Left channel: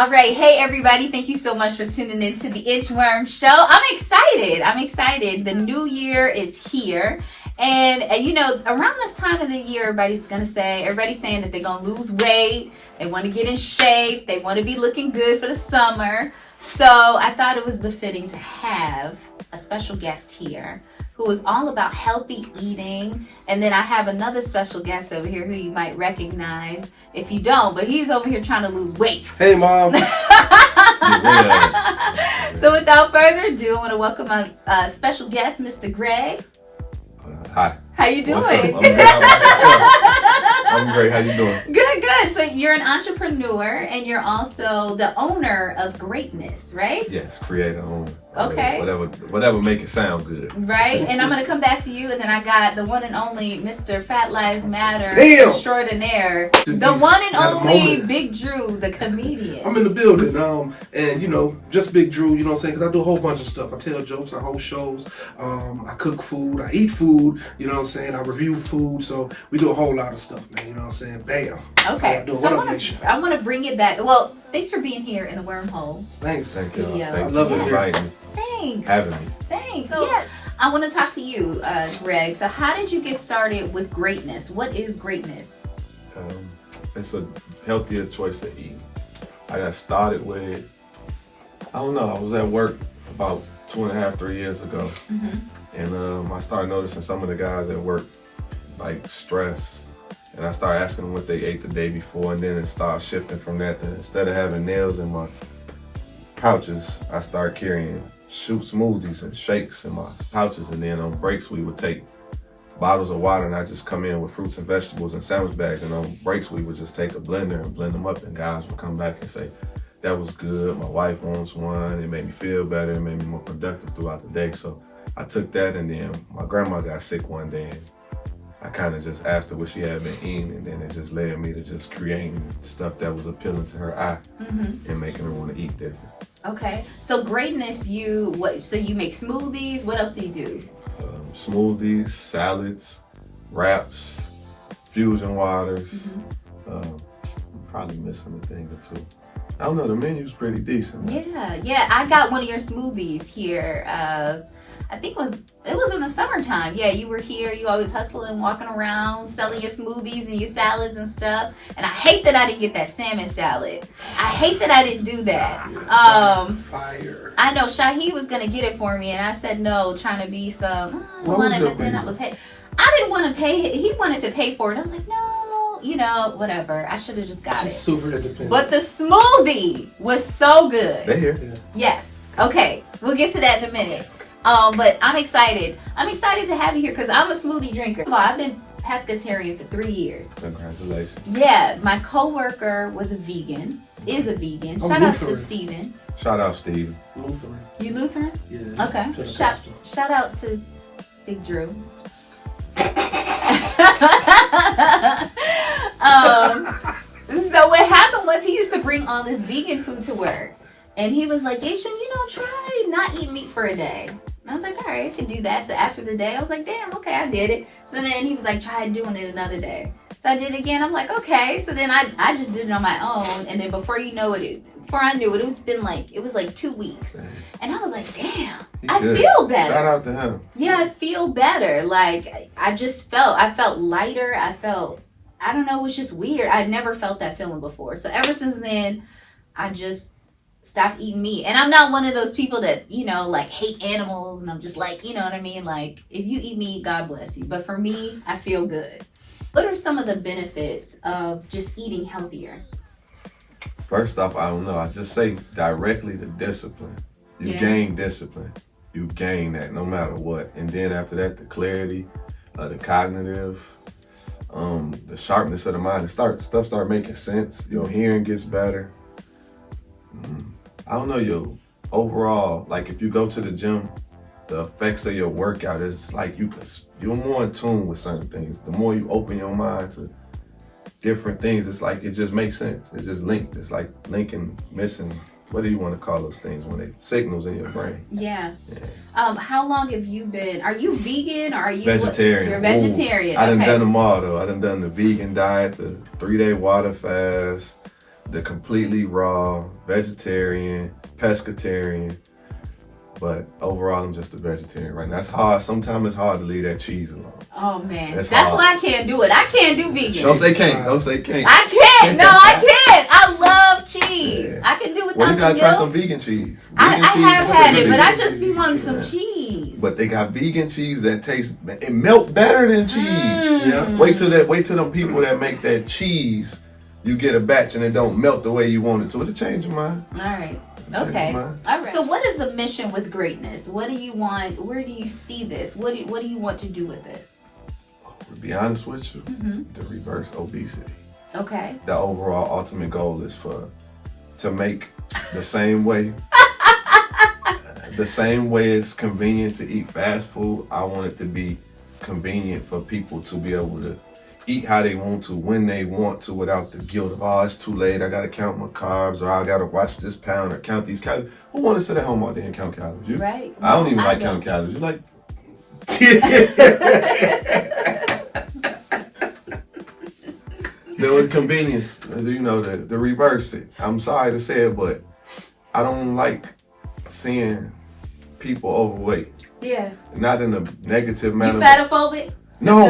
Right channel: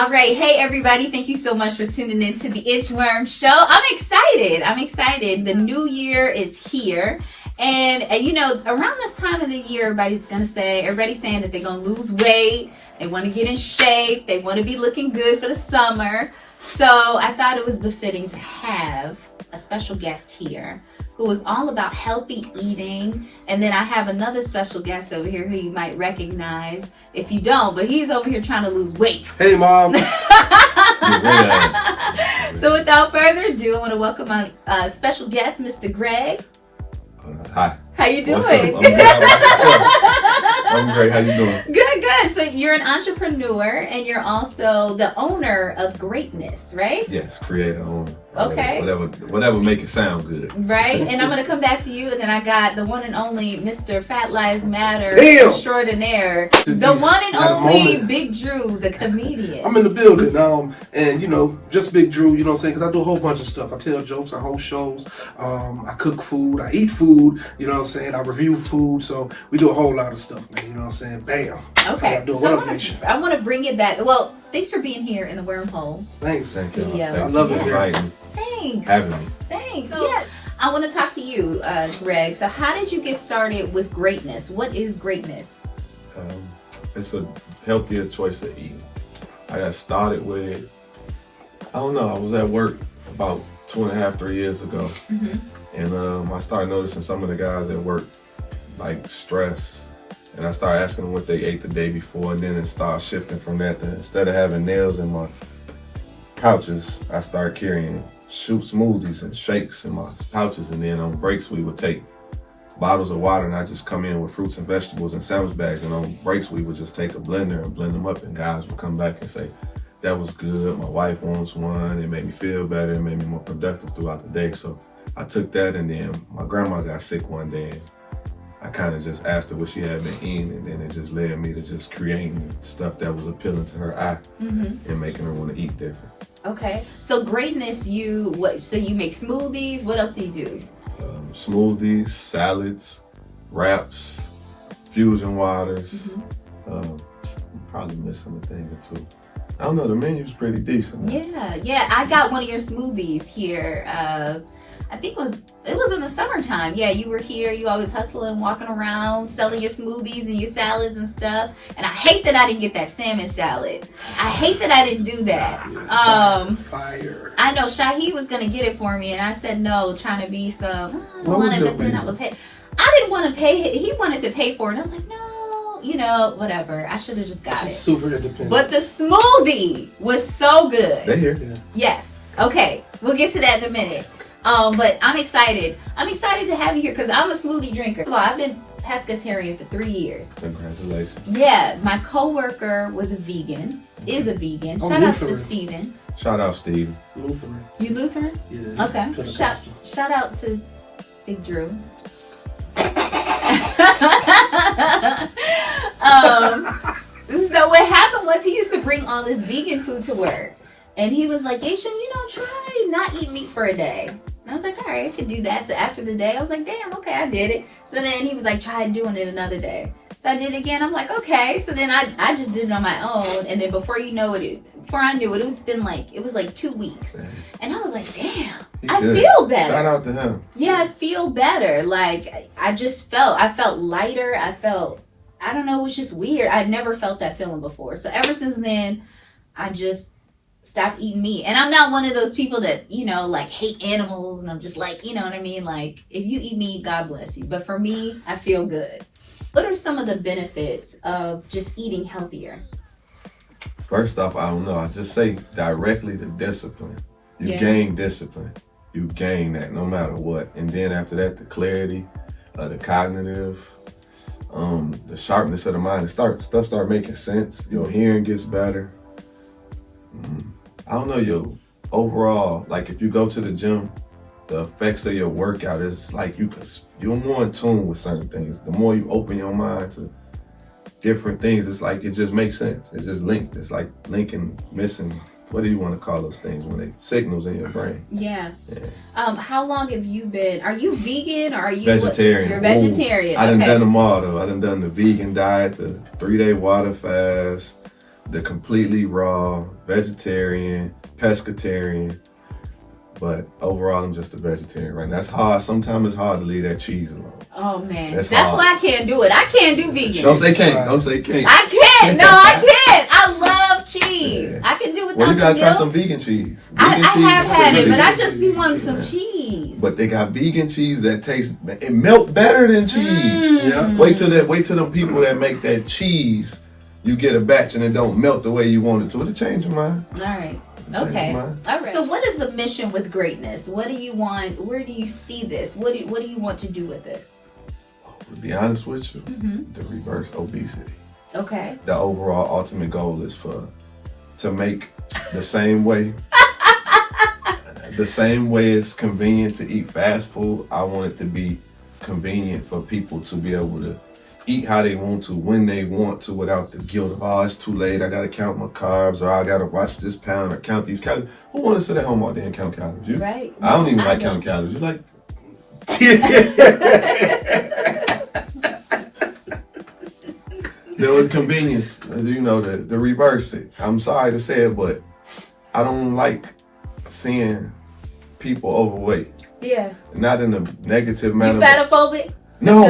All right. Hey, everybody. Thank you so much for tuning in to the Inchworm Show. I'm excited. The new year is here. And you know, around this time of the year, everybody's saying that they're going to lose weight. They want to get in shape. They want to be looking good for the summer. So I thought it was befitting to have a special guest here who is all about healthy eating. And then I have another special guest over here who you might recognize if you don't, but he's over here trying to lose weight. Hey, Mom. So without further ado, I want to welcome our special guest, Mr. Greg. Hi. How you doing? I'm great. How you doing? Good. So you're an entrepreneur and you're also the owner of Greatness, right? Yes, creator, owner. Okay. Whatever make it sound good. Right. And I'm going to come back to you, and then I got the one and only Mr. Fat Lives Matter extraordinaire, the one and only BigDrew, the comedian. I'm in the building, and you know, just BigDrew. You know what I'm saying? Because I do a whole bunch of stuff. I tell jokes, I host shows, I cook food, I eat food. You know what I'm saying? I review food. So we do a whole lot of stuff, man. You know what I'm saying? Bam. Okay. So I want to bring it back. Well, thanks for being here in the wormhole. Thanks. Thank you. I love it. Inviting me. Thanks. Having me. Thanks. So, yes. I want to talk to you, Greg. So how did you get started with Greatness? What is Greatness? It's a healthier choice of eating. I got started with, I don't know, I was at work about 2.5, 3 years ago. Mm-hmm. And I started noticing some of the guys at work, like, stress. And I started asking them what they ate the day before, and then it started shifting from that to, instead of having nails in my pouches, I started carrying smoothies and shakes in my pouches. And then on breaks, we would take bottles of water, and I just come in with fruits and vegetables and sandwich bags. And on breaks, we would just take a blender and blend them up, and guys would come back and say, that was good, my wife wants one, it made me feel better, it made me more productive throughout the day. So I took that, and then my grandma got sick one day, and I kind of just asked her what she had been eating, and then it just led me to just creating stuff that was appealing to her eye, mm-hmm. and making her want to eat different. Okay, so Greatness, so you make smoothies. What else do you do? Smoothies, salads, wraps, fusion waters. Mm-hmm. Probably missing a thing or two. I don't know, the menu's pretty decent. Yeah, I got one of your smoothies here. I think it was in the summertime. Yeah, you were here. You always hustling, walking around, selling your smoothies and your salads and stuff. And I hate that I didn't get that salmon salad. I hate that I didn't do that. Fire. I know Shahi was gonna get it for me, and I said no, trying to be some. I didn't want to pay. He wanted to pay for it. I was like, no, you know, whatever. I should have just got it. Super independent. But the smoothie was so good. They here. Yes. Okay, we'll get to that in a minute. But I'm excited. I'm excited to have you here because I'm a smoothie drinker. Well, I've been pescatarian for 3 years. Congratulations. Yeah, my coworker was a vegan, is a vegan. Shout out to Steven. Shout out, Steven. Lutheran. You Lutheran? Yeah. Okay. Shout out to BigDrew. So what happened was he used to bring all this vegan food to work. And he was like, Aisha, try not eat meat for a day. And I was like, all right, I could do that. So after the day, I was like, damn, okay, I did it. So then he was like, try doing it another day. So I did it again. I'm like, okay. So then I just did it on my own. And then before I knew it, it was like 2 weeks. And I was like, damn, I feel better. Shout out to him. Yeah, I feel better. Like, I felt lighter. I don't know, it was just weird. I'd never felt that feeling before. So ever since then, I just stop eating meat. And I'm not one of those people that, like hate animals, and I'm just like, you know what I mean? Like, if you eat meat, God bless you. But for me, I feel good. What are some of the benefits of just eating healthier? First off, I don't know. I just say directly the discipline. You gain discipline. You gain that no matter what. And then after that, the clarity, the cognitive, the sharpness of the mind. Stuff start making sense. Your hearing gets better. I don't know, your overall, like if you go to the gym, the effects of your workout is like you're more in tune with certain things. The more you open your mind to different things, it's like it just makes sense. It's just linked. It's like linking, missing. What do you want to call those things when they signals in your brain? Yeah. How long have you been? Are you vegan or are you vegetarian? You're vegetarian. I done them all though. I done the vegan diet, the 3-day water fast, the completely raw, vegetarian, pescatarian. But overall, I'm just a vegetarian right now. That's hard. Sometimes it's hard to leave that cheese alone. Oh man, that's why I can't do it. I can't do vegan. Don't say can't. Don't say can't. I can't. No, I can't. I love cheese. Yeah. I can do it. Well, you gotta try some vegan cheese. I have had it, but I just be wanting some cheese. But they got vegan cheese that tastes. It melt better than cheese. Yeah. Wait till them people that make that cheese. You get a batch and it don't melt the way you want it to. It'll change your mind. All right. Okay. All right. So what is the mission with greatness? What do you want? Where do you see this? What do you want to do with this? To be honest with you, to reverse obesity. Okay. The overall ultimate goal is to make the same way it's convenient to eat fast food. I want it to be convenient for people to be able to eat how they want to, when they want to, without the guilt of, oh, it's too late, I gotta count my carbs, or I gotta watch this pound or count these calories. Who want to sit at home all day and count calories? You? Right. I don't even like counting calories. You like? The convenience, the reverse it. I'm sorry to say it, but I don't like seeing people overweight. Yeah. Not in a negative manner. You fatophobic? No,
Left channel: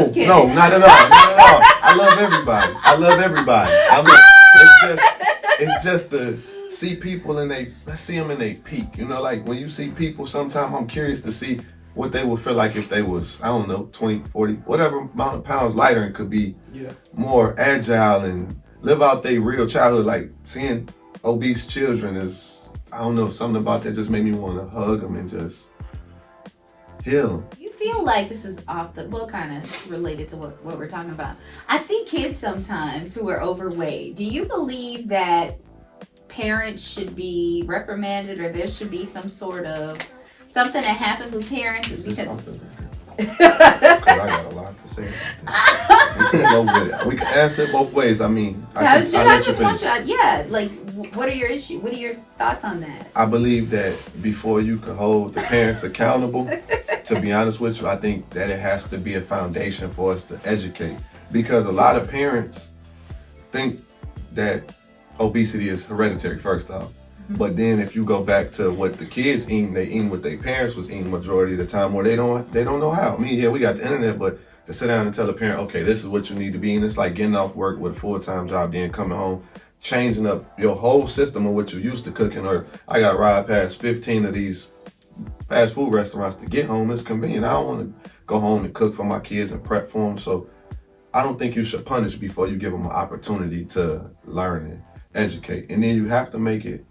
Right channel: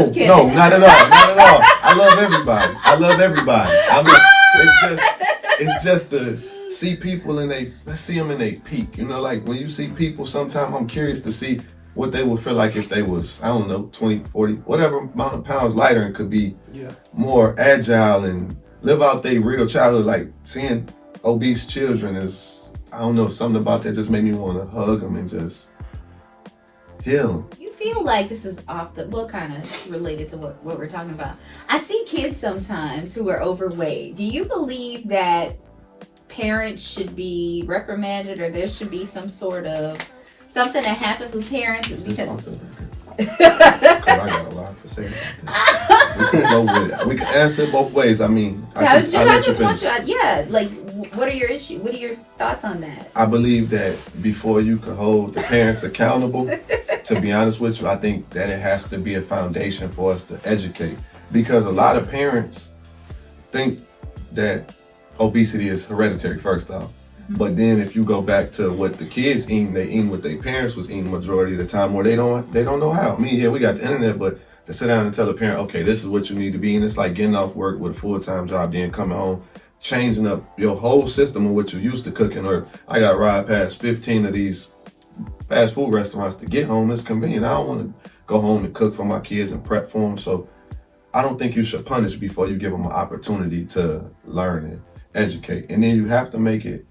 not at all. I love everybody. It's just to see people let's see them in their peak. Like when you see people, sometimes I'm curious to see what they would feel like if they was, I don't know, 20, 40, whatever amount of pounds lighter, and could be more agile and live out their real childhood. Like seeing obese children is, I don't know, something about that just made me want to hug them and just heal them. Feel like this is kind of related to what we're talking about. I see kids sometimes who are overweight. Do you believe that parents should be reprimanded, or there should be some sort of something that happens with parents? I got a lot to say about that. We can answer it both ways. I mean, like, what are your issues? What are your thoughts on that? I believe that before you can hold the parents accountable, to be honest with you, I think that it has to be a foundation for us to educate. Because a lot of parents think that obesity is hereditary, first off. But then if you go back to what the kids eat, they eat what their parents was eating majority of the time, where they don't know how. I mean, yeah, we got the internet, but to sit down and tell a parent, okay, this is what you need to be, and it's like getting off work with a full-time job, then coming home, changing up your whole system of what you're used to cooking. Or I got to ride past 15 of these fast food restaurants to get home. It's convenient. I don't want to go home and cook for my kids and prep for them. So I don't think you should punish before you give them an opportunity to learn and educate. And then you have to make it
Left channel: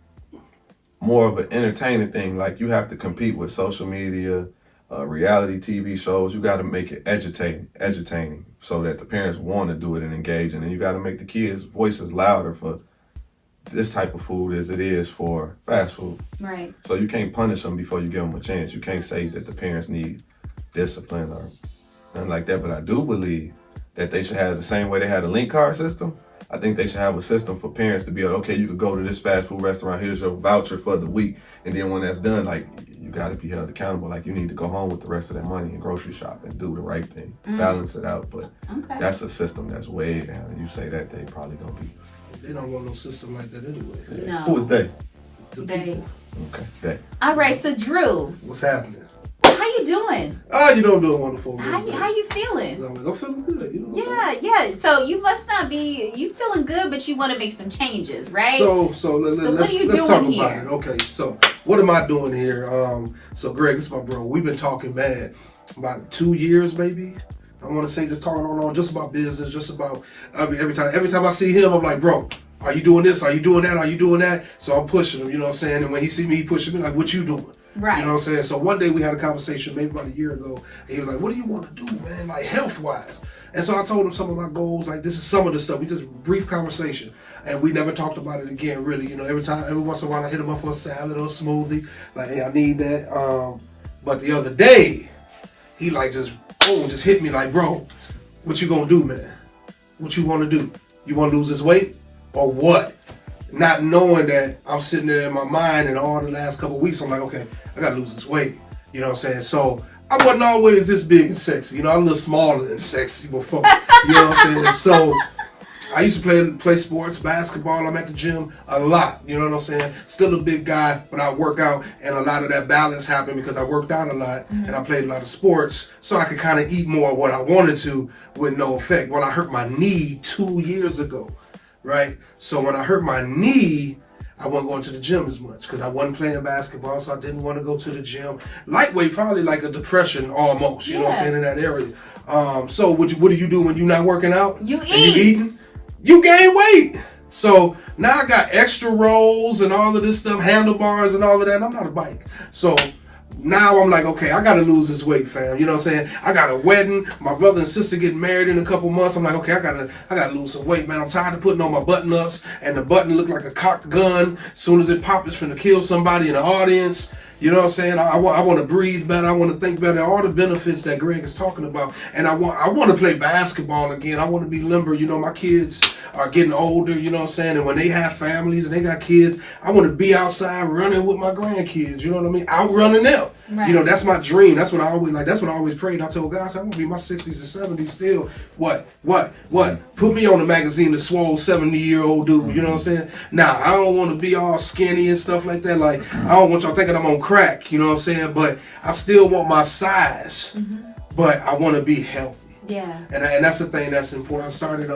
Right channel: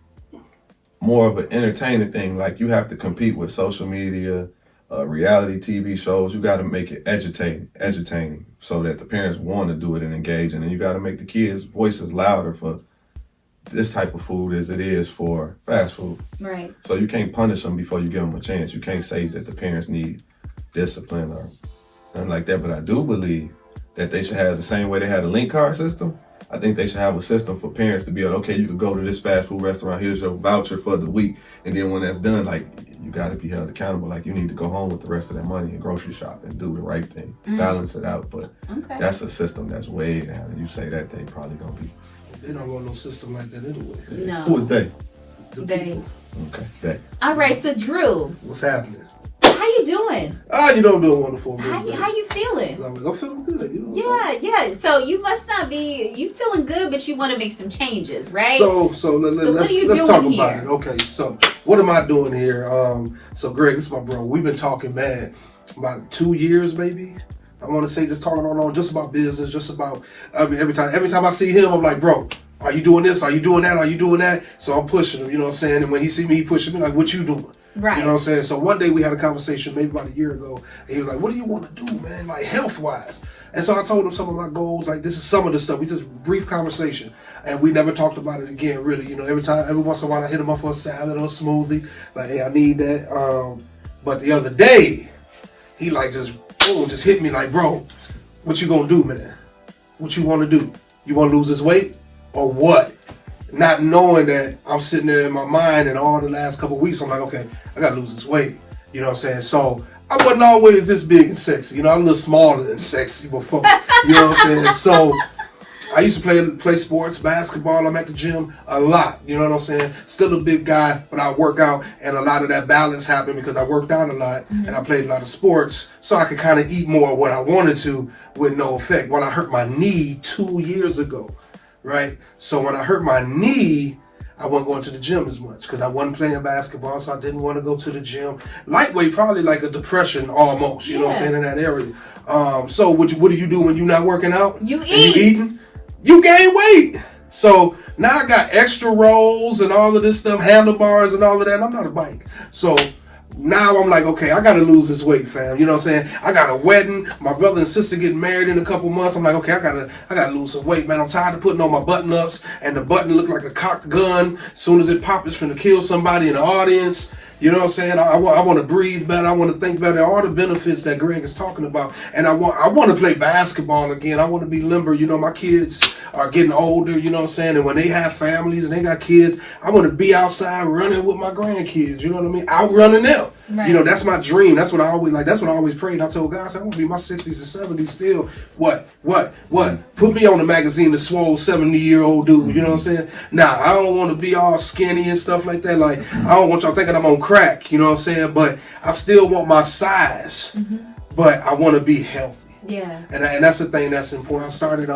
more of an entertaining thing. Like you have to compete with social media, reality TV shows. You got to make it edutaining so that the parents want to do it and engage. And then you got to make the kids' voices louder for this type of food as it is for fast food. Right. So you can't punish them before you give them a chance. You can't say that the parents need discipline or nothing like that. But I do believe that they should have the same way they had a link card system. I think they should have a system for parents to be able, okay, you could go to this fast food restaurant, here's your voucher for the week. And then when that's done, like, you got to be held accountable. Like, you need to go home with the rest of that money and grocery shop and do the right thing, balance it out. But that's a system that's way down. And you say that, they probably going to be. They don't want no system like that anyway. No. Who is they? They. Okay, they. All right, so Drew. What's happening? How you doing? You don't do wonderful. How you feeling? I'm feeling good. You know Yeah. So you must not be. You feeling good, but you want to make some changes, right? So let's talk about it. Okay. So what am I doing here? So Greg, this is my bro. We've been talking, man, about 2 years, maybe. I want to say just talking on just about business, just about. I mean, every time I see him, I'm like, bro, are you doing this? Are you doing that? Are you doing that? So I'm pushing him. You know what I'm saying? And when he see me, he pushing me like, what you doing? Right. You know what I'm saying? So one day we had a conversation maybe about a year ago, and he was like, what do you want to do, man? Like health-wise. And so I told him some of my goals, like this is some of the stuff. We just brief conversation. And we never talked about it again, really. You know, every once in a while I hit him up for a salad or a smoothie. Like, hey, I need that. But the other day, he like just, boom, just hit me like, bro, what you gonna do, man? What you wanna do? You wanna lose this weight? Or what? Not knowing that I'm sitting there in my mind, and all the last couple of weeks, I'm like, okay, I gotta lose this weight. You know what I'm saying? So I wasn't always this big and sexy. You know, I'm a little smaller than sexy before. You know what I'm saying? So I used to play sports, basketball. I'm at the gym a lot. You know what I'm saying? Still a big guy, but I work out, and a lot of that balance happened because I worked out a lot and I played a lot of sports, so I could kind of eat more of what I wanted to with no effect. When I hurt my knee 2 years ago, right? So when I hurt my knee, I wasn't going to the gym as much because I wasn't playing basketball, so I didn't want to go to the gym. Lightweight, probably like a depression almost, you know what I'm saying, in that area. So what do you do when you're not working out? You eat. And you eating? You gain weight. So now I got extra rolls and all of this stuff, handlebars and all of that. And I'm not a bike. So now I'm like, okay, I got to lose this weight, fam. You know what I'm saying? I got a wedding. My brother and sister getting married in a couple months. I'm like, okay, I gotta lose some weight, man. I'm tired of putting on my button ups and the button look like a cocked gun. As soon as it pops, it's finna kill somebody in the audience. You know what I'm saying? I want to breathe better. I want to think better. All the benefits that Greg is talking about. And I want to play basketball again. I want to be limber. You know, my kids are getting older, you know what I'm saying? And when they have families and they got kids, I want to be outside running with my grandkids. You know what I mean? Outrunning them. Right. You know, that's my dream. That's what I always That's what I always prayed. I told God, I want to be in my 60s and 70s still. What? Put me on the magazine, the swole 70-year-old dude. You know what I'm saying? Now, I don't want to be all skinny and stuff like that. Like, I don't want y'all thinking I'm on crack. You know what I'm saying? But I still want my size. But I want to be healthy. Yeah. And that's the thing that's important. I started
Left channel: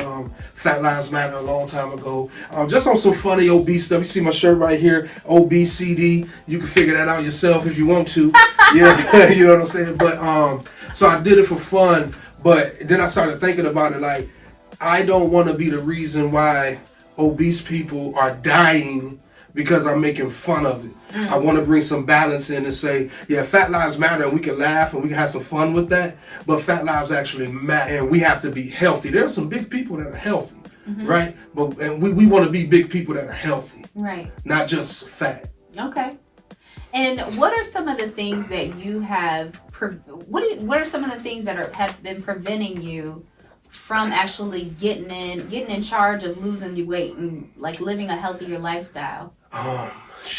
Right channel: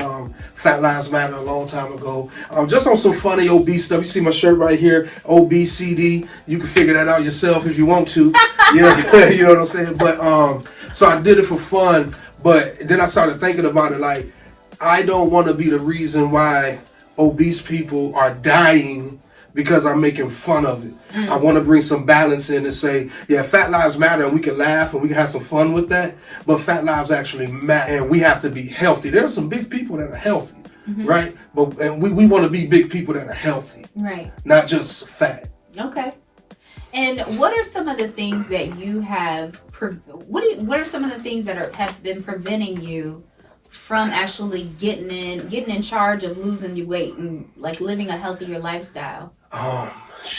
Fat Lives Matter a long time ago. Just on some funny obese stuff. You see my shirt right here, obesity. You can figure that out yourself if you want to. Yeah, you know what I'm saying? But so I did it for fun. But then I started thinking about it like, I don't want to be the reason why obese people are dying because I'm making fun of it. I want to bring some balance in and say, yeah, fat lives matter, and we can laugh and we can have some fun with that, but fat lives actually matter, and we have to be healthy. There are some big people that are healthy, right? And we want to be big people that are healthy, right? Not just fat. Okay. And what are some of the things that you have? What are some of the things that have been preventing you from actually getting in charge of losing your weight and like living a healthier lifestyle?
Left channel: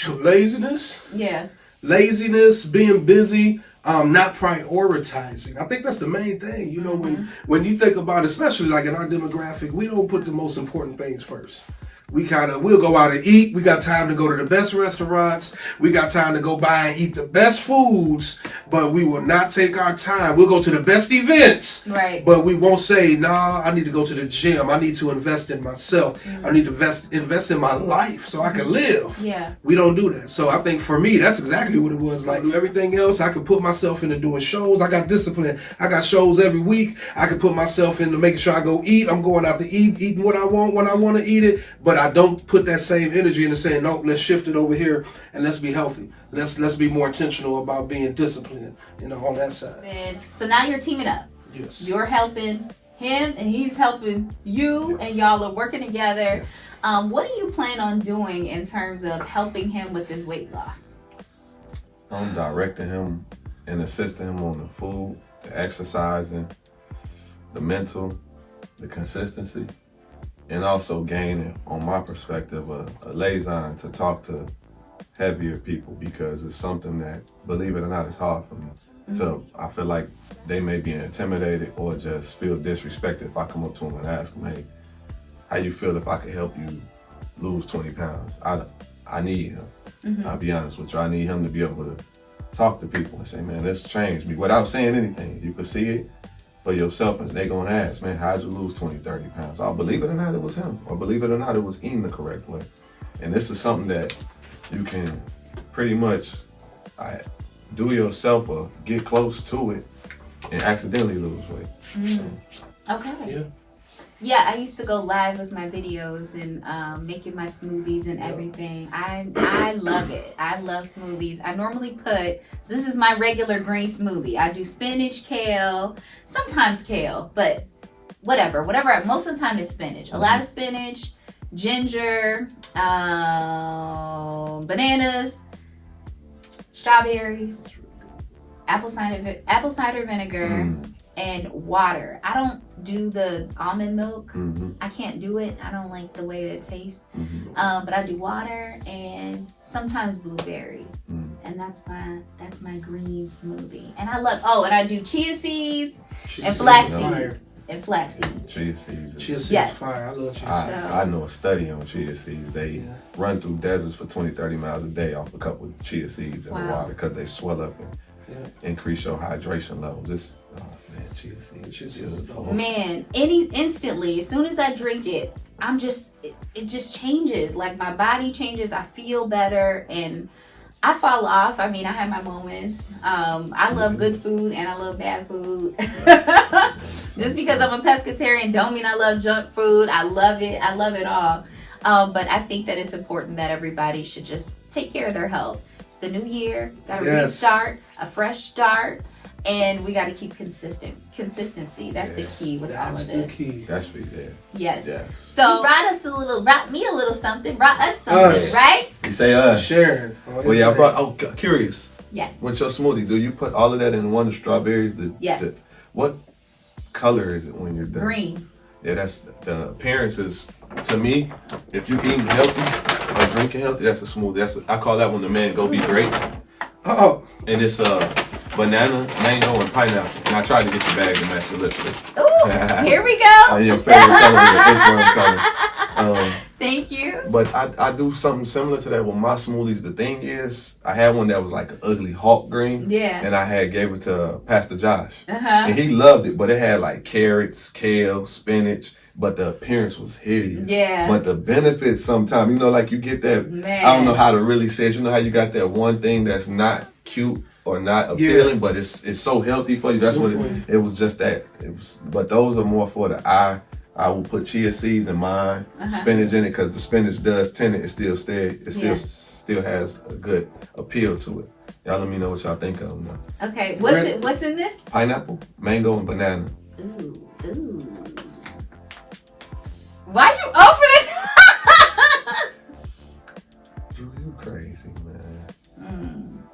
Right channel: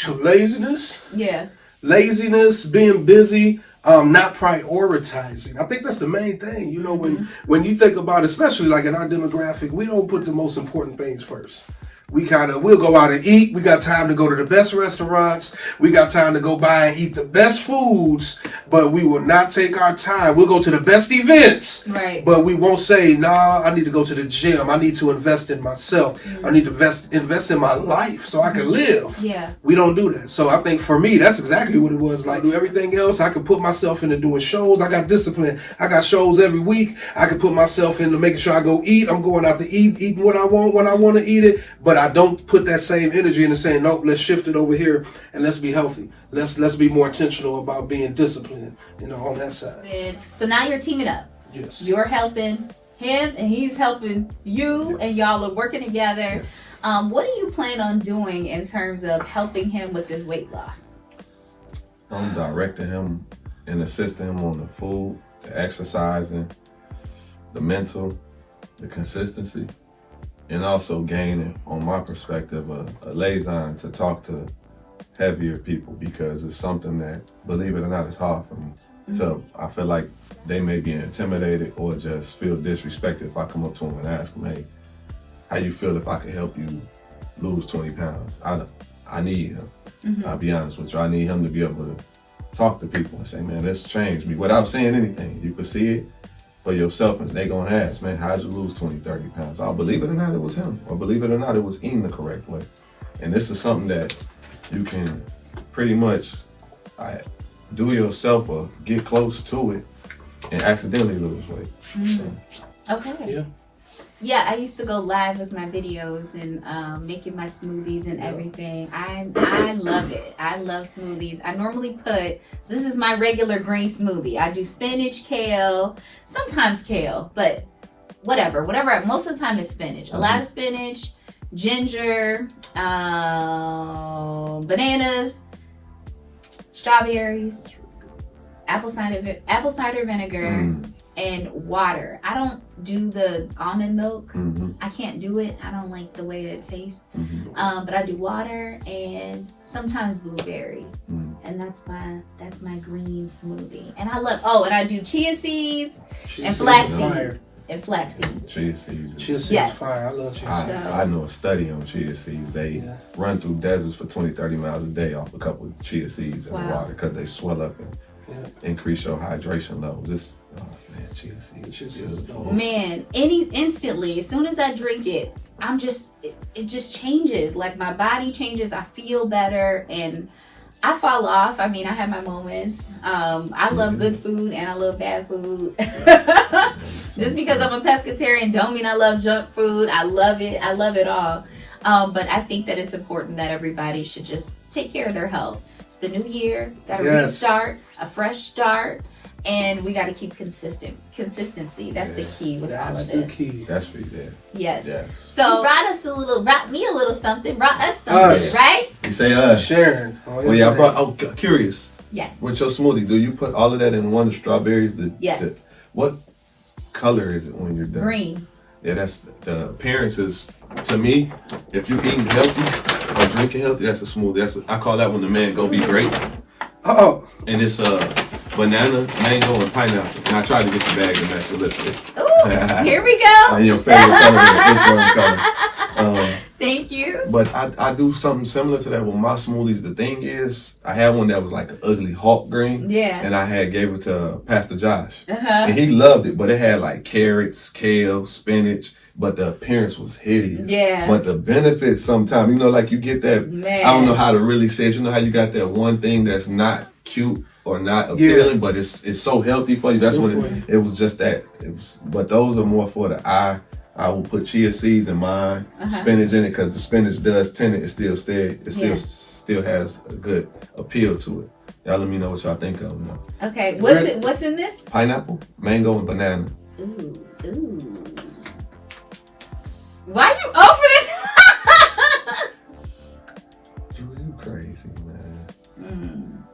Laziness. Yeah. Laziness, being busy, not prioritizing. I think that's the main thing. You know, when you think about it, especially like in our demographic, we don't put the most important things first. We'll go out and eat. We got time to go to the best restaurants. We got time to go buy and eat the best foods, but we will not take our time. We'll go to the best events, right? But we won't say, nah, I need to go to the gym. I need to invest in myself. I need to invest in my life so I can live. Yeah. We don't do that. So I think for me, that's exactly what it was. Like, do everything else. I could put myself into doing shows. I got discipline. I got shows every week. I could put myself into making sure I go eat. I'm going out to eat, eating what I want when I want to eat it. But I don't put that same energy into saying, no, let's shift it over here and let's be healthy. Let's be more intentional about being disciplined, you know, on that side. So now you're teaming up. Yes. You're helping him and he's helping you, and y'all are working together. Yes. What do you plan on doing in terms of helping him with his weight loss? I'm directing him and assisting him on the food, the exercising, the mental, the consistency. And also gaining, on my perspective, a liaison to talk to heavier people, because it's something that, believe it or not, is hard for me. I feel like they may be intimidated or just feel disrespected if I come up to them and ask them, hey, how you feel if I could help you lose 20 pounds? I need him. I'll be honest with you. I need him to be able to talk to people and say, man, this changed me without saying anything. You could see it for yourself, and they're going to ask, man, how'd you lose 20, 30 pounds? I'll believe it or not, it was him. Or believe it or not, it was eating the correct way. And this is something that you can pretty much do yourself or get close to it and accidentally lose weight. Okay. Yeah, I used to go live with my videos and making my smoothies and everything. I love it. I love smoothies. I normally this is my regular green smoothie. I do spinach, kale, sometimes kale, but whatever. Most of the time it's spinach. A lot of spinach, ginger, bananas, strawberries, apple cider vinegar, and water. I don't do the almond milk. I can't do it. I don't like the way it tastes. But I do water and sometimes blueberries. And that's my green smoothie. And I love, and I do chia seeds and flax seeds. and flax seeds. Chia seeds. Chia seeds Yes. fire. I love chia seeds. I know a study on chia seeds. They run through deserts for 20, 30 miles a day off a couple of chia seeds in the water because they swell up and increase your hydration levels. Chia seeds. Chia seeds. Man, instantly, as soon as I drink it, it just changes. Like my body changes. I feel better and I fall off. I mean, I have my moments. I love good food and I love bad food. Just because I'm a pescatarian don't mean I love junk food. I love it. I love it all. But I think that it's important that everybody should just take care of their health. It's the new year. Got to restart, a fresh start. And we got to keep consistency. That's the key with all of this. That's the key. That's for you there. Yes. So brought me a little something. Brought us something, right? You say us. Sharon. Curious. Yes. With your smoothie, do you put all of that in one of the strawberries? Yes. What color is it when you're done? Green. Yeah, that's the appearance is, to me, if you eating healthy and drinking healthy, that's a smoothie. I call that one the mango be great. Oh. And it's banana, mango, and pineapple. And I tried to get the bag to match the lipstick. Ooh, here we go. And your favorite color is this one color. Thank you. But I do something similar to that with my smoothies. The thing is, I had one that was like an ugly hawk green. Yeah. And I gave it to Pastor Josh. And he loved it, but it had like carrots, kale, spinach. But the appearance was hideous. Yeah. But the benefits sometimes, like you get that, I don't know how to really say it. You know how you got that one thing that's not cute or not appealing, but it's so healthy for you. That's what it was. Just that. But those are more for the eye. I will put chia seeds in mine, spinach in it, because the spinach does tint it. It still has a good appeal to it. Y'all let me know what y'all think of them. Okay, what's in this? Pineapple, mango, and banana. Ooh. Why you open it? You crazy, man.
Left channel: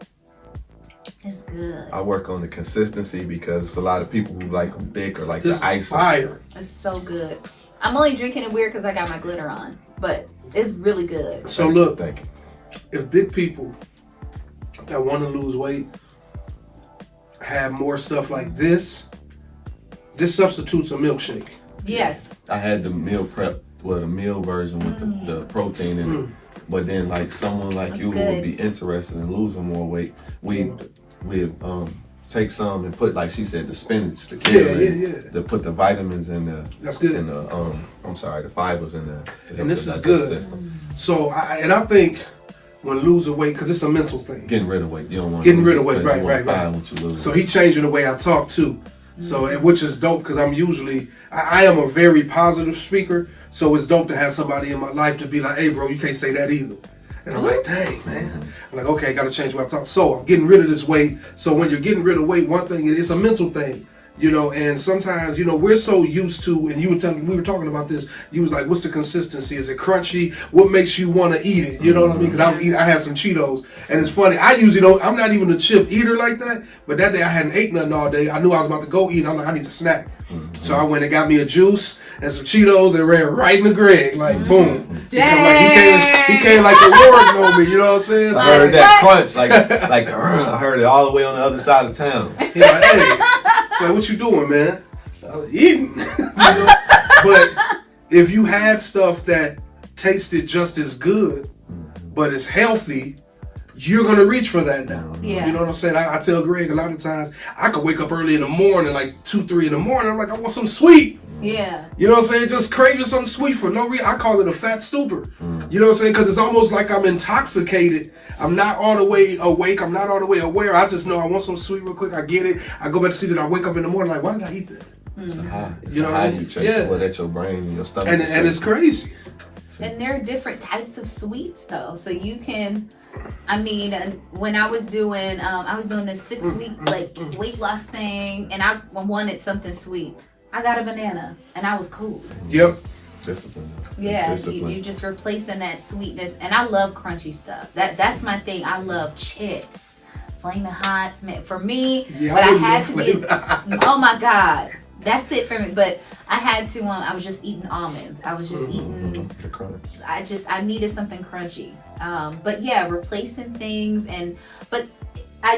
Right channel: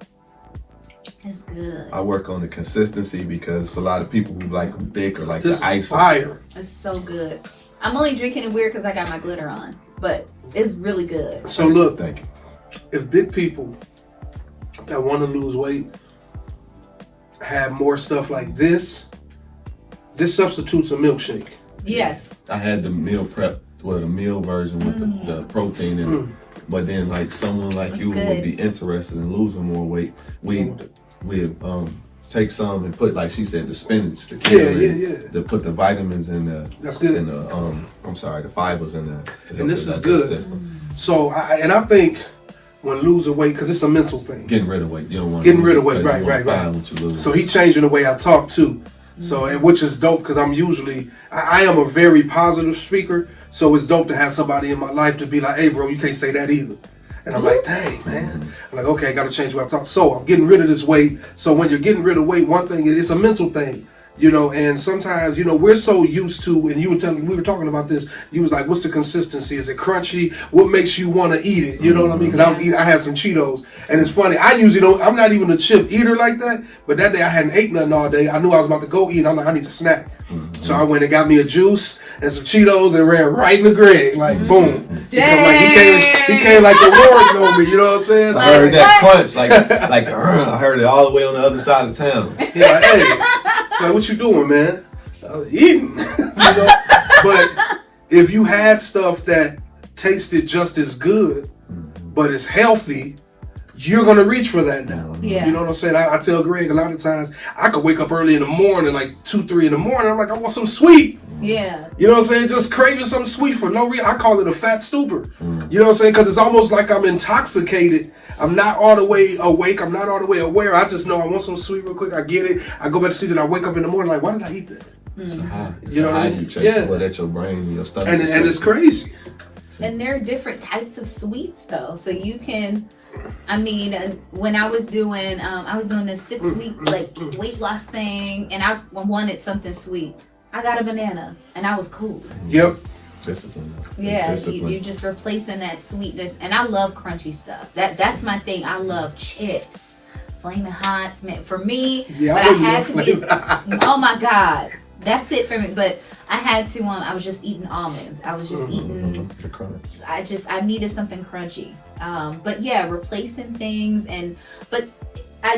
That's good. I work on the consistency because it's a lot of people who like them thick or like the ice. Fire. It's so good. I'm only drinking it weird because I got my glitter on, but it's really good. So look, thank you. If big people that want to lose weight have more stuff like this substitutes a milkshake. Yes. I had the meal prep, the meal version with the protein in it. But then like someone like you who would be interested in losing more weight, we take some and put, like she said, the spinach, the kale, to put the vitamins in the. That's good. And the fibers in there. And this is good. System. So I think when losing weight, because it's a mental thing. Getting rid of weight, you don't want. Getting rid of weight, right. So he changing the way I talk too. So, which is dope because I am a very positive speaker. So it's dope to have somebody in my life to be like, hey, bro, you can't say that either. And I'm like, dang, man. I'm like, okay, I got to change what I talk. So I'm getting rid of this weight. So when you're getting rid of weight, one thing, it's a mental thing, and sometimes, we're so used to, and we were talking about this, you was like, what's the consistency? Is it crunchy? What makes you want to eat it? You know what I mean? Because I had some Cheetos. And it's funny, I usually I'm not even a chip eater like that, but that day I hadn't ate nothing all day. I knew I was about to go eat. I'm like, I need a snack. So I went and got me a juice and some Cheetos and ran right in the Greg, like boom. He came like the Lord on me, you know what I'm saying? I heard that crunch, like I heard it all the way on the other side of town. Like, hey, like what you doing, man? I was eating, But if you had stuff that tasted just as good, but it's healthy, you're gonna reach for that now. Yeah. You know what I'm saying? I tell Greg a lot of times I could wake up early in the morning, like 2, 3 in the morning. I'm like, I want some sweet. Yeah. You know what I'm saying? Just craving something sweet for no reason. I call it a fat stupor. You know what I'm saying? Because it's almost like I'm intoxicated. I'm not all the way awake. I'm not all the way aware. I just know I want some sweet real quick. I get it. I go back to sleep and I wake up in the morning like, why did I eat that? It's a high. You know what I mean? You chase the at your brain and your stomach. And it's crazy. And there are different types of sweets though. So you can, when I was doing this 6-week like weight loss thing, and I wanted something sweet. I got a banana, and I was cool. Yep. Discipline. Yeah, you just replacing that sweetness, and I love crunchy stuff. That's my thing. I love chips, Flaming Hots. Man, for me, but I had to be. Oh my God, that's it for me. But I had to. I was just eating almonds. I was just eating. I needed something crunchy. But yeah, replacing things but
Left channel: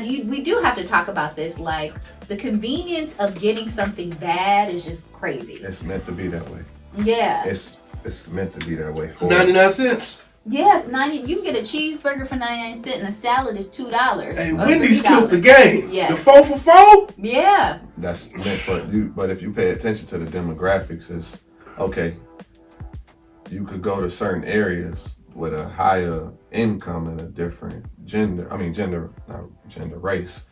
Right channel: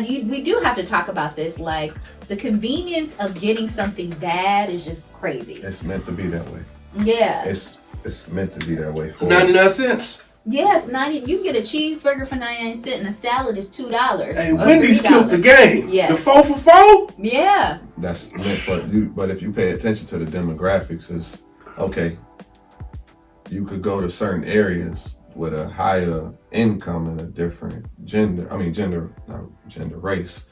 we do have to talk about this. Like, the convenience of getting something bad is just crazy. It's meant to be that way. Yeah. It's meant to be that way. It's 99 cents. Yes, 90. You can get a cheeseburger for 99 cents, and a salad is $2. Hey, Wendy's killed the game. Yes. The 4 for 4. Yeah. That's meant for you. But if you pay attention to the demographics, it's okay. You could go to certain areas with a higher income and a different race,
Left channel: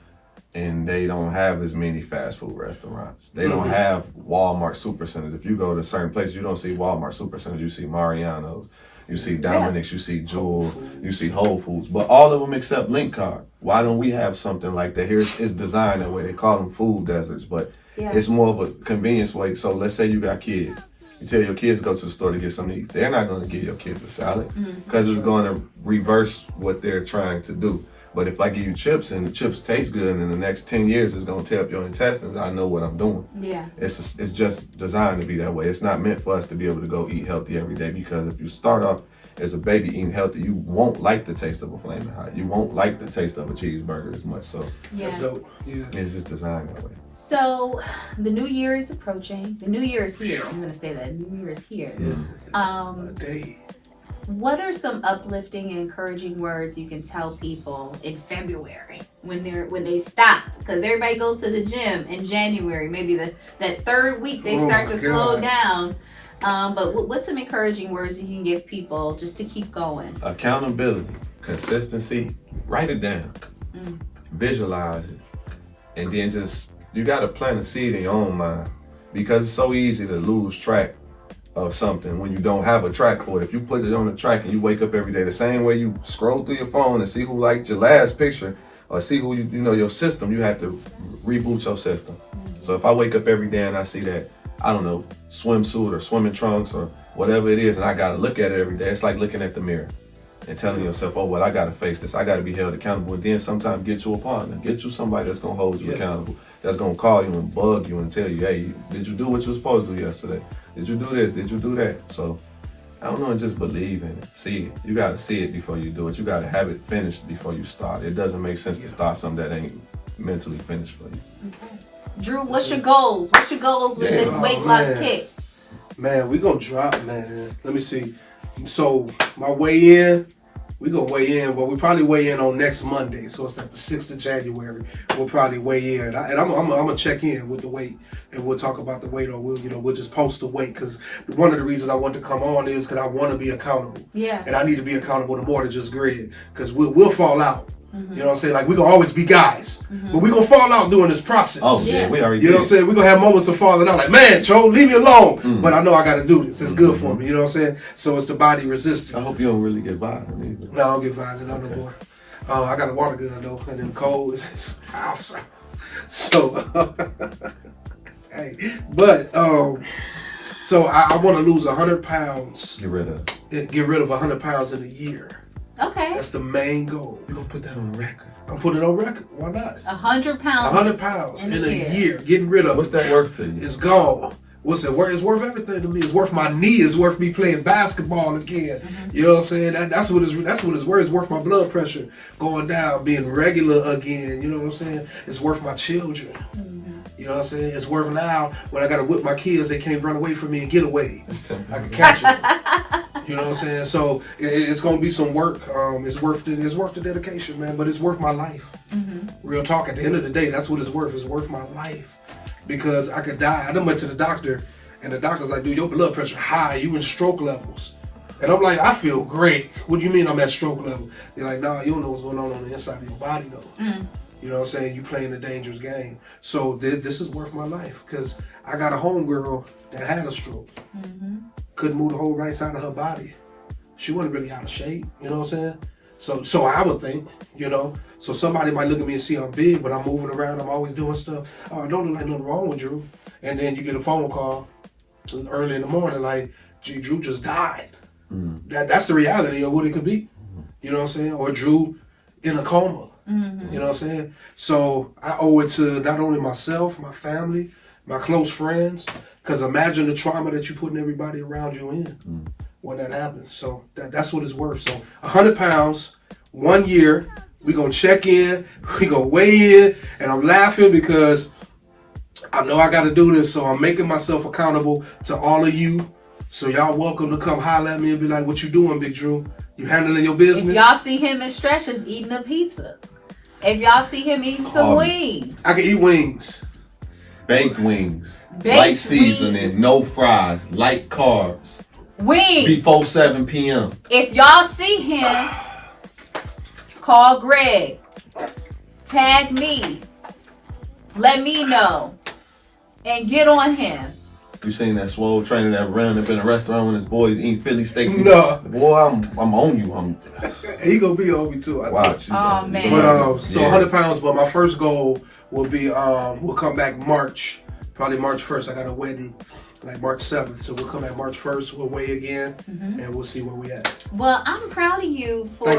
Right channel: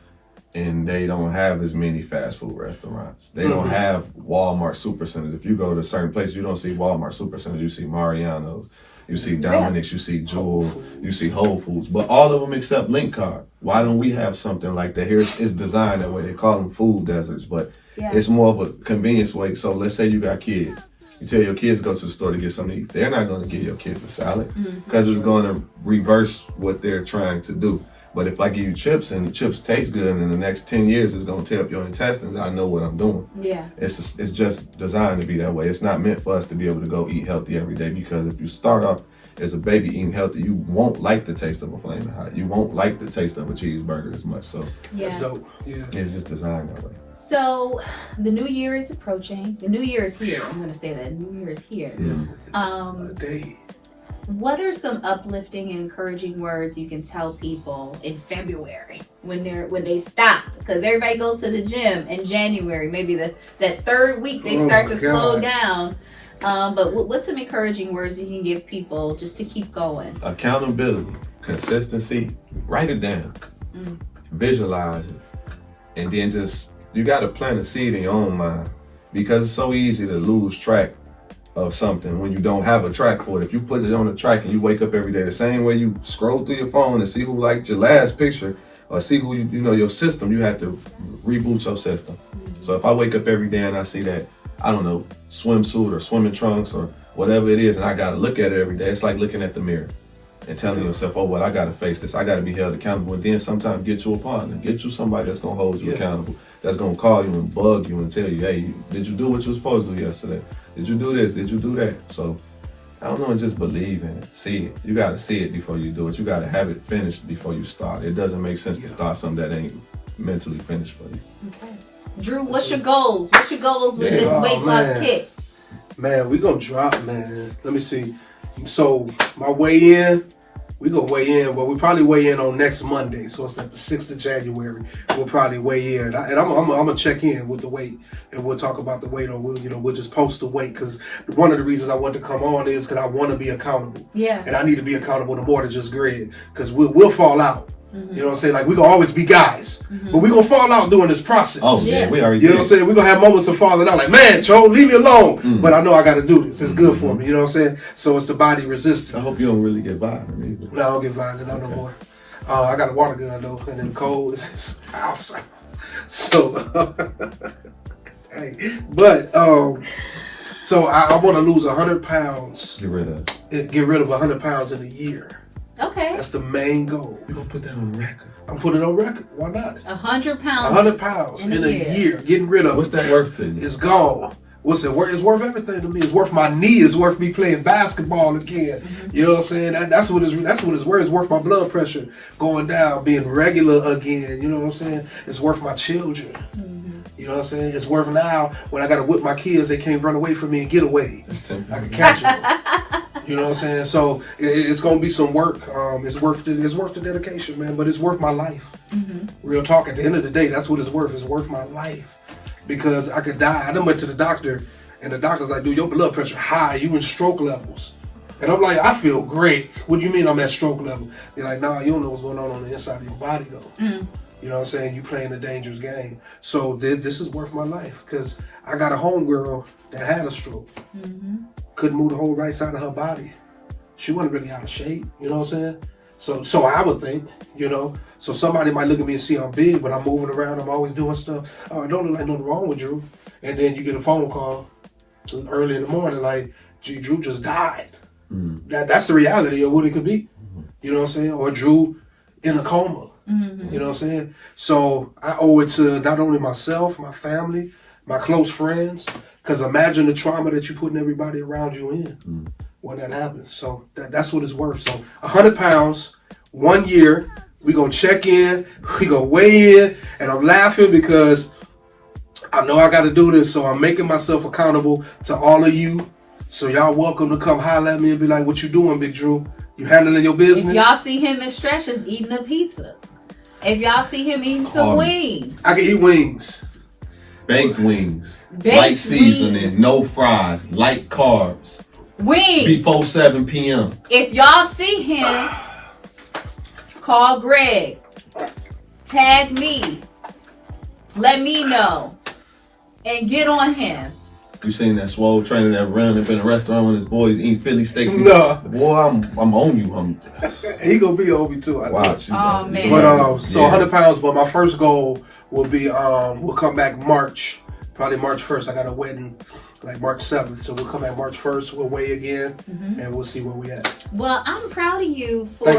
and they don't have as many fast food restaurants. They don't have Walmart supercenters. If you go to certain places, you don't see Walmart supercenters. You see Mariano's, you see Dominic's, you see Jewel, you see Whole Foods, but all of them except Link Card. Why don't we have something like that? Here it's designed that way. They call them food deserts, but it's more of a convenience way. So let's say you got kids. You tell your kids to go to the store to get something to eat. They're not going to give your kids a salad because it's going to reverse what they're trying to do. But if I give you chips and the chips taste good, and in the next 10 years it's going to tear up your intestines, I know what I'm doing. Yeah. It's just designed to be that way. It's not meant for us to be able to go eat healthy every day, because if you start off as a baby eating healthy, you won't like the taste of a Flaming Hot. You won't like the taste of a cheeseburger as much. So that's dope. Yeah. It's just designed that way. So the new year is approaching. The new year is here. I'm going to say that. The new year is here. A day. What are some uplifting and encouraging words you can tell people in February when they stopped? Because everybody goes to the gym in January. Maybe that third week they start to slow down. But what's some encouraging words you can give people just to keep going? Accountability, consistency. Write it down. Visualize it. And then you got to plant a seed in your own mind, because it's so easy to lose track of something when you don't have a track for it. If you put it on the track and you wake up every day the same way you scroll through your phone and see who liked your last picture, or see who your system, you have to reboot your system. So if I wake up every day and I see that, I don't know, swimsuit or swimming trunks or whatever it is, and I got to look at it every day, it's like looking at the mirror and telling yourself, oh, well, I got to face this. I got to be held accountable. And then sometimes get you a partner, get you somebody that's going to hold you accountable, that's going to call you and bug you and tell you, hey, did you do what you were supposed to do yesterday? Did you do this? Did you do that? So, I don't know, just believe in it. See it. You got to see it before you do it. You got to have it finished before you start. It doesn't make sense to start something that ain't mentally finished for you. Okay. Drew, what's your goals? What's your goals with this weight loss kick? Man, we going to drop, man. Let me see. So, my weigh-in, we going to weigh in. Well, we probably weigh in on next Monday. So, it's like the 6th of January. We'll probably weigh in. And I'm going to check in with the weight. And we'll talk about the weight, or we'll just post the weight, because one of the reasons I want to come on is because I want to be accountable. Yeah. And I need to be accountable to more than just Greg, because we'll fall out. You know what I'm saying? Like, we're going to always be guys, but we're going to fall out during this process. Oh, yeah, we already You know what I'm saying? We're going to have moments of falling out. Like, man, Cho, leave me alone. But I know I got to do this. It's good for me. You know what I'm saying? So it's the body resistance. I hope you don't really get violent either. No, I don't get violent no more. I got a water gun, though, and in the cold, it's so, hey, but, so I want to lose 100 pounds. Get rid of 100 pounds in a year. Okay. That's the main goal. We're going to put that on record. I'm putting it on record. Why not? 100 pounds. 100 pounds in a year. Getting rid of. What's that worth to you? It's gone. What's it worth? It's worth everything to me. It's worth my knee. It's worth me playing basketball again. You know what I'm saying? That's what it's worth. It's worth my blood pressure going down, being regular again. You know what I'm saying? It's worth my children. You know what I'm saying? It's worth now when I got to whip my kids, they can't run away from me and get away. I can catch them. You know what I'm saying? So it's going to be some work. It's worth the dedication, man. But it's worth my life. Real talk. At the end of the day, that's what it's worth. It's worth my life. Because I could die. I done went to the doctor, and the doctor's like, dude, your blood pressure high. You in stroke levels. And I'm like, I feel great. What do you mean I'm at stroke level? They're like, nah, you don't know what's going on the inside of your body, though. You know what I'm saying? You playing a dangerous game. So this is worth my life, because I got a homegirl that had a stroke. Couldn't move the whole right side of her body. She wasn't really out of shape. You know what I'm saying? So I would think, So somebody might look at me and see I'm big, but I'm moving around. I'm always doing stuff. Oh, don't look like nothing wrong with Drew. And then you get a phone call early in the morning like, gee, Drew just died. That's the reality of what it could be. You know what I'm saying? Or Drew in a coma. You know what I'm saying? So I owe it to not only myself, my family, my close friends, because imagine the trauma that you're putting everybody around you in. when that happens. So that's what it's worth. So 100 pounds, 1 year. We gonna check in. We gonna weigh in, and I'm laughing because I know I got to do this. So I'm making myself accountable to all of you. So y'all welcome to come holler at me and be like, "What you doing, Big Drew? You handling your business?" If y'all see him in stretches eating a pizza, if y'all see him eating some wings, I can eat wings. Baked wings. Baked light seasoning, wings. no fries, light carbs. wings. Before 7 p.m. If y'all see him, call Greg, tag me, let me know, and get on him. You seen that swole trainer that ran up in a restaurant when his boys eating Philly steaks? No. Boy, I'm on you. He gonna be on me too. I think. Watch. Oh, man. But so 100 pounds. But my first goal will be we'll come back March, probably March 1st. I got a wedding like March 7th, so we'll come back March 1st. We'll weigh again, and we'll see where we at. Well, I'm proud of you for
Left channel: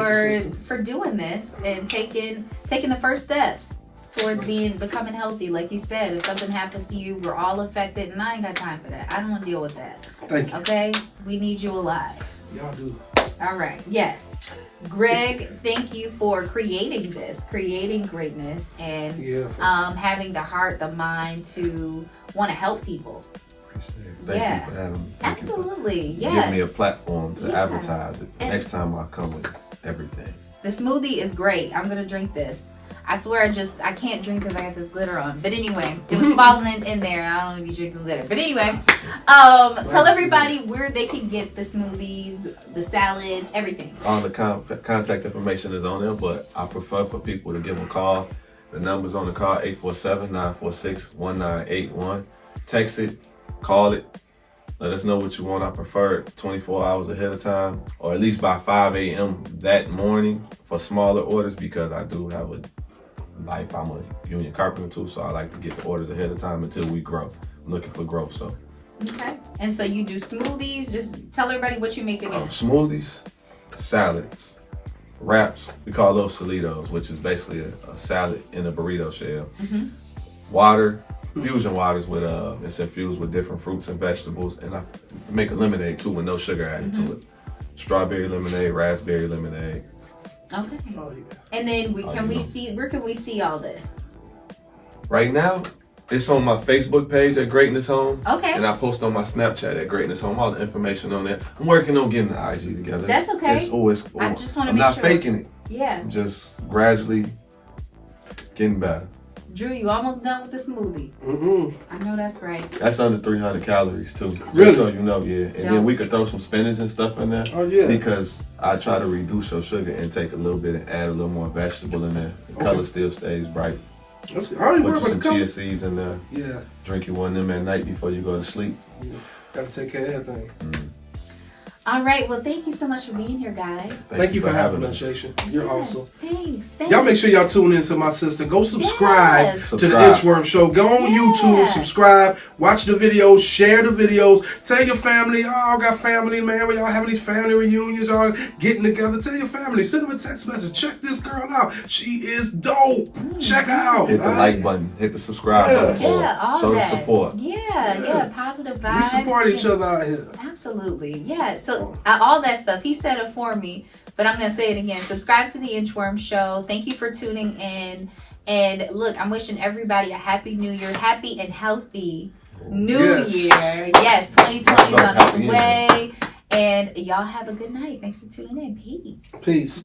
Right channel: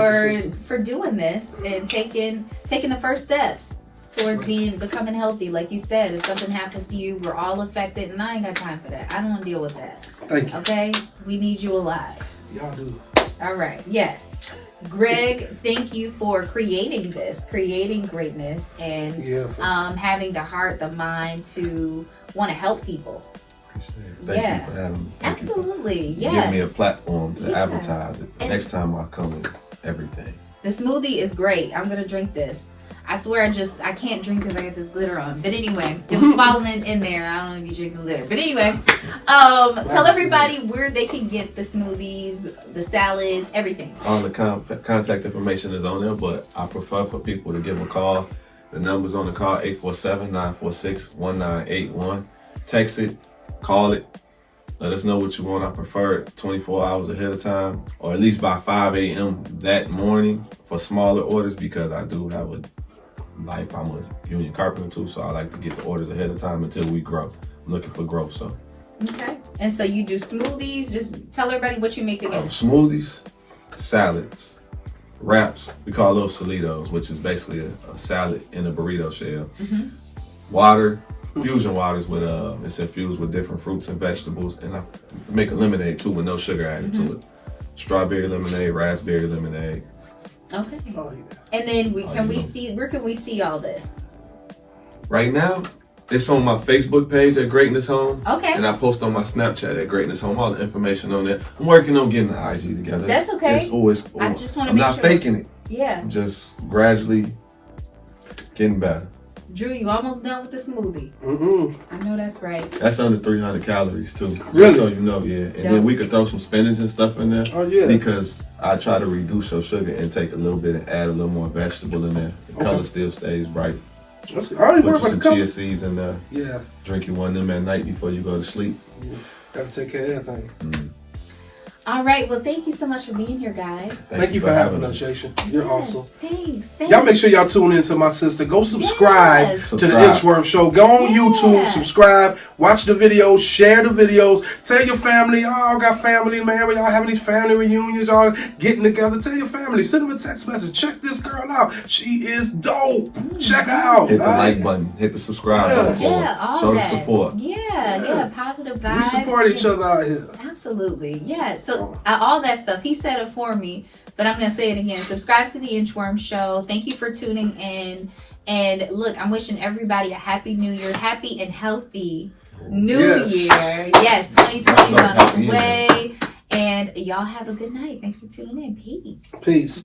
doing this and taking the first steps towards becoming healthy. Like you said, if something happens to you, we're all affected, and I ain't got time for that. I don't want to deal with that. Thank you. Okay, we need you alive. Y'all do. All right. Yes. Greg, thank you for creating greatness, and having the heart, the mind to want to help people. Thank you for having me. Absolutely. Yeah. Give me a platform to advertise it. Next time I come with everything. The smoothie is great. I'm gonna drink this. I swear, I can't drink because I got this glitter on. But anyway, it was falling in there, and I don't know if you drink the glitter. But anyway, tell everybody where they can get the smoothies, the salads, everything. All the contact information is on there, but I prefer for people to give a call. The number's on the call, 847-946-1981. Text it, call it. Let us know what you want. I prefer it 24 hours ahead of time, or at least by 5 a.m. that morning for smaller orders, because I do have a life. I'm a union carpenter too, so I like to get the orders ahead of time until we grow. I'm looking for growth, so. Okay. And so you do smoothies. Just tell everybody what you make again. Smoothies, salads, wraps. We call those solitos, which is basically a salad in a burrito shell. Water, fusion waters with it's infused with different fruits and vegetables, and I make a lemonade too with no sugar added to it. Strawberry lemonade, raspberry lemonade. Okay. And then where can we see all this? Right now, it's on my Facebook page at Greatness Home. Okay. And I post on my Snapchat at Greatness Home. All the information on there. I'm working on getting the IG together. That's okay. It's always. I just want to I'm make not sure. faking it. Yeah. I'm just gradually getting better. Drew, you almost done with the smoothie. I know that's right. That's under 300 calories too. Really? Just so you know, yeah. And then we could throw some spinach and stuff in there. Oh, yeah. Because I try to reduce your sugar and take a little bit and add a little more vegetable in there. The color still stays bright. I don't worry Put you about some the color. chia seeds in there. Yeah. Drink you one of them at night before you go to sleep. Gotta take care of everything. All right. Well, thank you so much for being here, guys. Thank you for having us, Jason. You're awesome. Thanks. Y'all make sure y'all tune in to my sister. Go subscribe to the Inchworm Show. Go on YouTube, subscribe, watch the videos, share the videos. Tell your family, I got family, man. When y'all having these family reunions, y'all getting together. Tell your family, send them a text message. Check this girl out. She is dope. Check her out. Hit the like button. Hit the subscribe button for her. Show the support. Yeah, positive vibes. We support each other out here. Absolutely. Yeah. So all that stuff, he said it for me, but I'm going to say it again. Subscribe to the Inchworm Show. Thank you for tuning in. And look, I'm wishing everybody a happy new year, happy and healthy new year. Yes, 2020 is on its way. And y'all have a good night. Thanks for tuning in. Peace. Peace.